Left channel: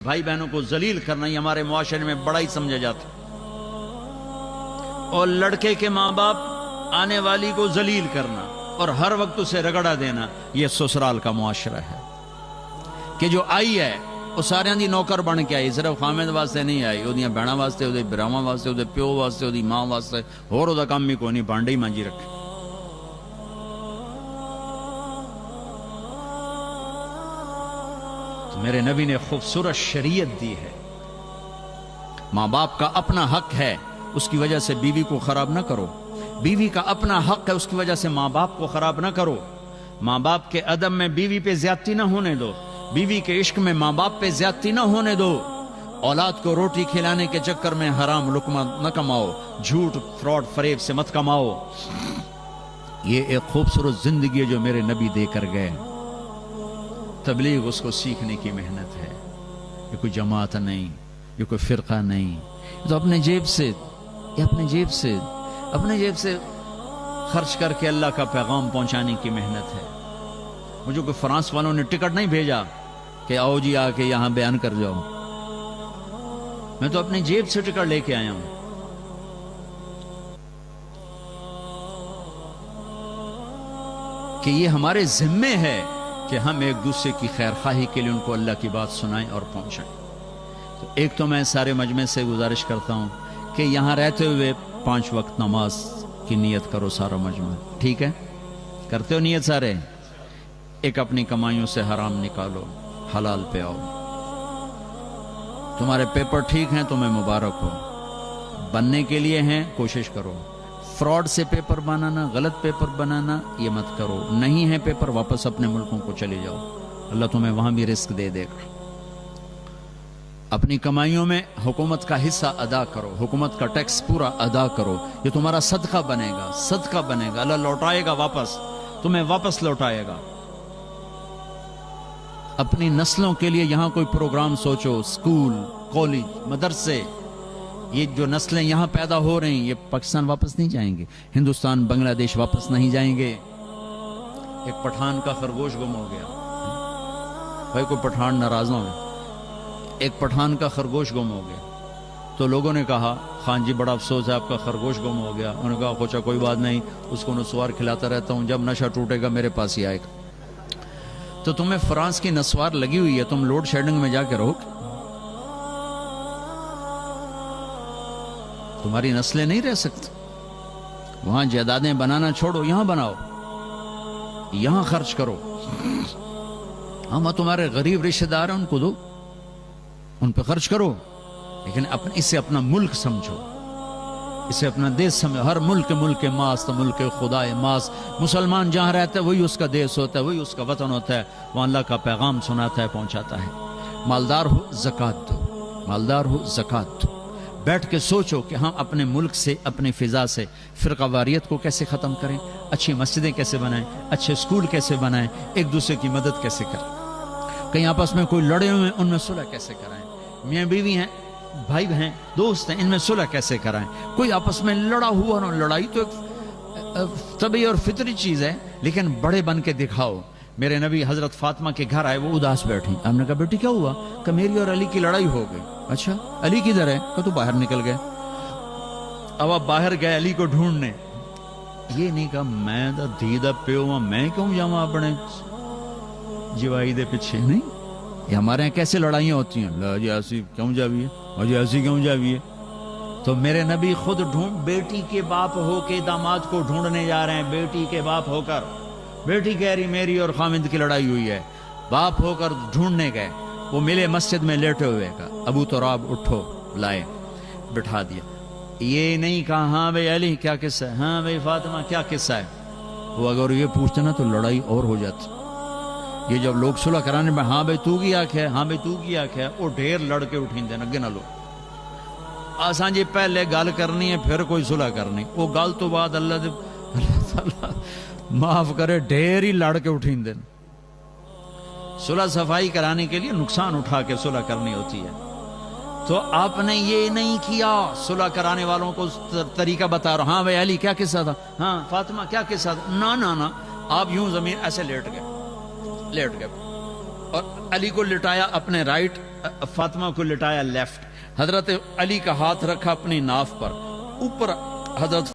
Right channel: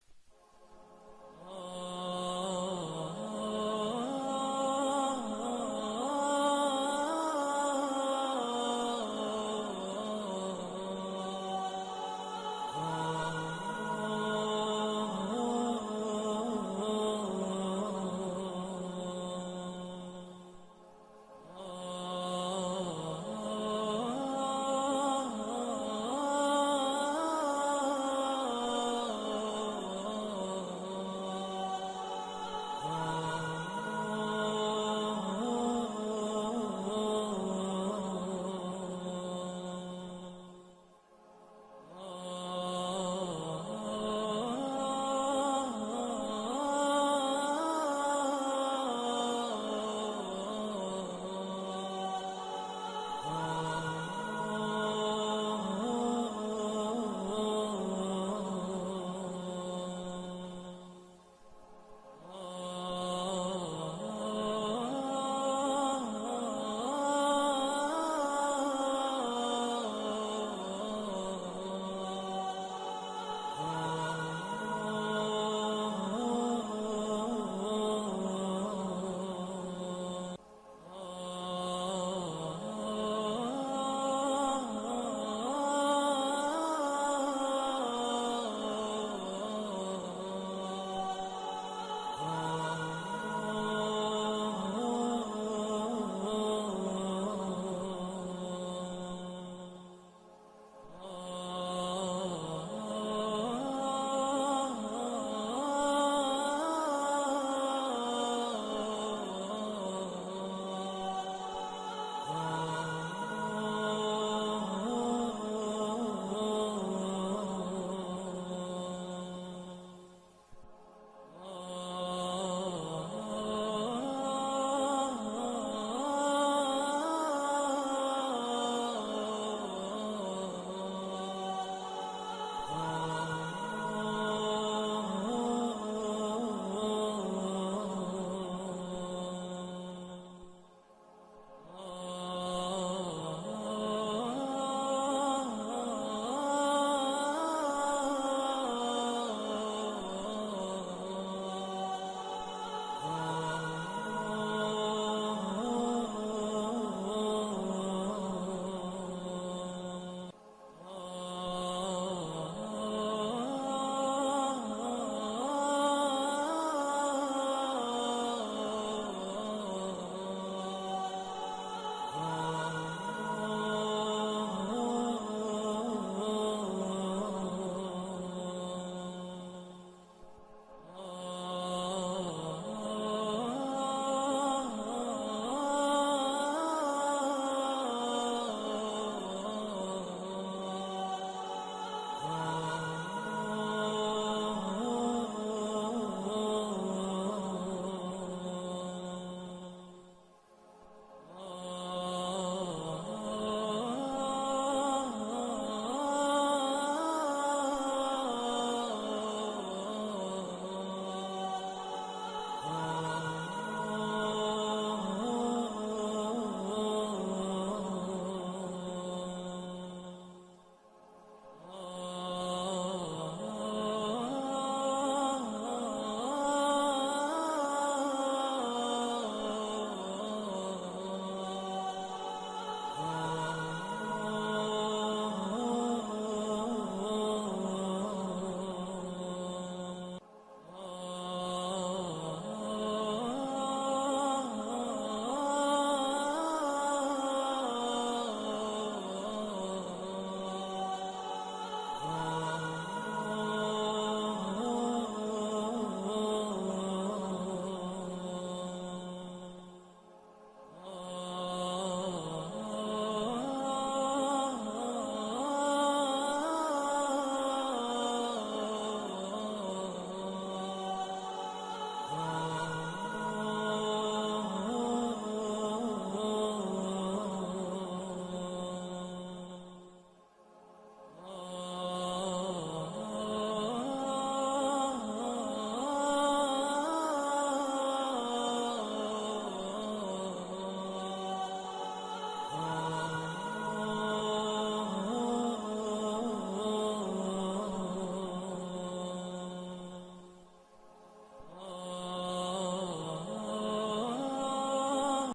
بھائی بہنوں کو ذلیل کرنا یہ ہمارے معاشرے میں بڑا ہی سمجھا جاتا ہے، اور لڑکے کے ماں باپ آنے والی کو ذلیل کرنا اور ہر وقت اسے رگڑا دینا، یہ سسرال کا معاشرہ ہے کہ جو آئی ہے وہ سارے دی نوکر بن کے آئی، صرف خامد واسطے نہیں آئی، وہ بہنوں واسطے، وہ براواں واسطے، وہ پیو واسطے، وہ ماں واسطے، اور وہ کام بھی کوئی نہیں، بانڈے ہی مانجی رکھے۔ میرے نبی نے خوبصورت شریعت دی ہے، ماں باپ کا اپنا حق ہے، اس کی وجہ سے بیوی کو خراب نہ کرو، بیوی کا اپنا حق ہے، اس کی وجہ سے ماں باپ کو خراب نہ کرو، ماں باپ کے ادب میں بیوی پہ زیادتی نہ ہونے دو، بیوی کے عشق میں ماں باپ پہ زیادتی نہ ہونے دو، اولاد کو روٹی کھلانے کے چکر میں حرام لقمہ نہ کماؤ، جھوٹ فراڈ فریب سے مت کماؤ۔ یہ ایک خوبصورت زندگی ہے جو میرے نبی دے کر گئے، تبلیغ اس کو سیکھنے کی محنت ہے، یہ کوئی جماعت نہیں، یہ کوئی فرقہ نہیں، تو اپنے جیب سے خرچ کر کے اللہ کا پیغام پہنچانے کی محنت ہے۔ مجھے کوئی فرانس والوں نے ٹکٹ نہیں بھیجا کہ آؤ جی آ کے یہاں بیان کر جاؤ، میں تو اپنی جیب سے ٹکٹ لے کے آیا ہوں۔ کہ یہ ہمارے ذمے ہے کہ ہم ایک دوسرے کی خیر خواہی کے لیے ان کو اللہ کی بات سنائیں اور پہنچائیں۔ ایک تو میں سارے مجمع سے گزارش کرتا ہوں کہ یہاں رہتے ہوئے 5 وقت نماز کی نیت کرو، سارا مجمع، ٹھیک ہے؟ کرتے ہو نیت سارے؟ ایک اپنی کمائیوں سے حرام نکالو، حلال پہ آؤ۔ تمہارے پیپر ٹھیک ہیں تمہیں مبارک ہو، بننے کے لیے ہیں کوشش کرو، فراڈ سے پیپر بنانا، غلط پیپر بنانا یہ مت کرو، نہیں ہے پیپر واپس اپنے ملکوں کو چلے جاؤ، اللہ تمہیں وہاں بھی رزق دے دے گا۔ اپنی کمائیوں میں حکومت کا حصہ ادا کرو، حکومت کا ٹیکس پورا ادا کرو، یہ تمہارا صدقہ بنے گا، اللہ لوٹائے گا واپس، تمہیں واپس لوٹائے گا۔ اپنی نسلوں کے لیے یہاں کوئی پروگرام سوچو، سکول، کالج، مدرسے، یہ جو نسلیں یہاں پیدا ہو رہی ہیں یہ پاکستان واپس نہیں جائیں گے، ہندوستان بنگلہ دیش واپس نہیں جائیں گے۔ ایک پٹھان کا خرگوش گم ہو گیا، بھائی کوئی پٹھان ناراض ہو، ایک پٹھان کا خرگوش گم ہو گیا، تو لوگوں نے کہا خان جی بڑا افسوس ہے آپ کا خرگوش گم ہو گیا، انہوں نے کہا خوچا کوئی بات نہیں، اس کو نسوار کھلاتا رہتا ہوں، جب نشہ ٹوٹے گا میرے پاس ہی آئے گا۔ تو تمہیں فرانس کی نسوار لگی ہوئی ہے، تم لوڈ شیڈنگ میں جا کے رہو، تمہاری نسلیں نہیں رہ سکتی، وہاں جائیدادیں بنانا چھوڑو، یہاں بناؤ، یہاں خرچ کرو، ہم تمہارے غریب رشتہ دار ہیں ان کو دو، ان پہ خرچ کرو، لیکن اسے اپنا ملک سمجھو، اسے اپنا دیش سمجھو۔ ہر ملک ماست، ملک خدا ماست، مسلمان جہاں رہتا ہے وہی اس کا دیش ہوتا ہے، وہی اس کا وطن ہوتا ہے، وہ اللہ کا پیغام سناتا ہے، پہنچاتا ہے۔ مالدار ہو زکوٰۃ دو، مالدار ہو زکوٰۃ دو، بیٹھ کے سوچو کہ ہم اپنے ملک سے، اپنی فضا سے فرقہ واریت کو کیسے ختم کریں، اچھی مسجدیں کیسے بنائیں، اچھے اسکول کیسے بنائیں، ایک دوسرے کی مدد کیسے کریں، کہیں آپس میں کوئی لڑے ہوئے ان میں صلح کیسے کرائیں، میاں بیوی ہیں، بھائی ہیں، دوست ہیں، ان میں صلح کیسے کرائیں، کوئی آپس میں لڑا ہوا نہ، لڑائی تو ایک طبعی اور فطری چیز ہے، لیکن بڑے بن کے دکھاؤ۔ میرے نبی حضرت فاطمہ کے گھر آئے، وہ اداس بیٹھی، ہم نے کہا بیٹی کیا ہوا؟ کہ میری اور علی کی لڑائی ہو گئی۔ اچھا علی کدھر ہے؟ کہ تو باہر نکل گئے۔ اب آپ باہر گئے علی کو ڈھونڈنے، یہ نہیں کہا میں دا دھی دا پیو ہوں، میں کیوں جاواں اپنے جوائی دے پیچھے، نہیں، یہ ہمارے یہاں کیسے لڑائیاں ہوتی ہیں، لا جی ایسی کیوں جاویے، مجھے ایسی کیوں جاویے۔ تو میرے نبی خود بیٹی کے باپ ہو کے داماد کو ڈھونڈنے جا رہے ہیں، بیٹی کے باپ ہو کر، بیٹی کہہ رہی میری اور خامد کی لڑائی ہوئی ہے، باپ ہو کر ڈھونڈنے گئے، وہ ملے مسجد میں لیٹے ہوئے، کا ابو تراب اٹھو، لائے، بٹھا دیا، یہ نہیں کہا ہاں بھائی علی کیا قصہ ہے، ہاں بھائی فاطمہ کیا قصہ ہے، وہ اگر یہ پوچھتے نا تو لڑائی اور ہو جاتی۔ یہ جب لوگ صلح کرانے میں ہاں بھائی تو کی آنکھ ہے، ہاں بھائی تو کی آنکھ ہے، وہ ڈھیر لڑ کے اٹھیں دین اگے نہ لو، آسان جی پہلے گل کرنی ہے پھر کوئی صلح کرنی، وہ گل تو بعد اللہ تعالیٰ معاف کرے ڈھیر ہی لڑ کے اٹھیں دین۔ صلح صفائی کرانے کے لیے نقصان اٹھا کے صلح کرنی ہوتی ہے، تو آپ نے یہ نہیں کیا، صلح کرانے والوں کو طریقہ بتا رہا، ہاں بھائی علی کیا قصہ تھا، ہاں فاطمہ کیا قصہ تھا، نا نا نا، آپ یوں زمین ایسے لیٹ گئے، اور علی کو لٹایا اپنے رائٹ، فاطمہ کو لٹایا لیفٹ. حضرت علی کا ہاتھ رکھا اپنی ناف پر، اوپر حضرت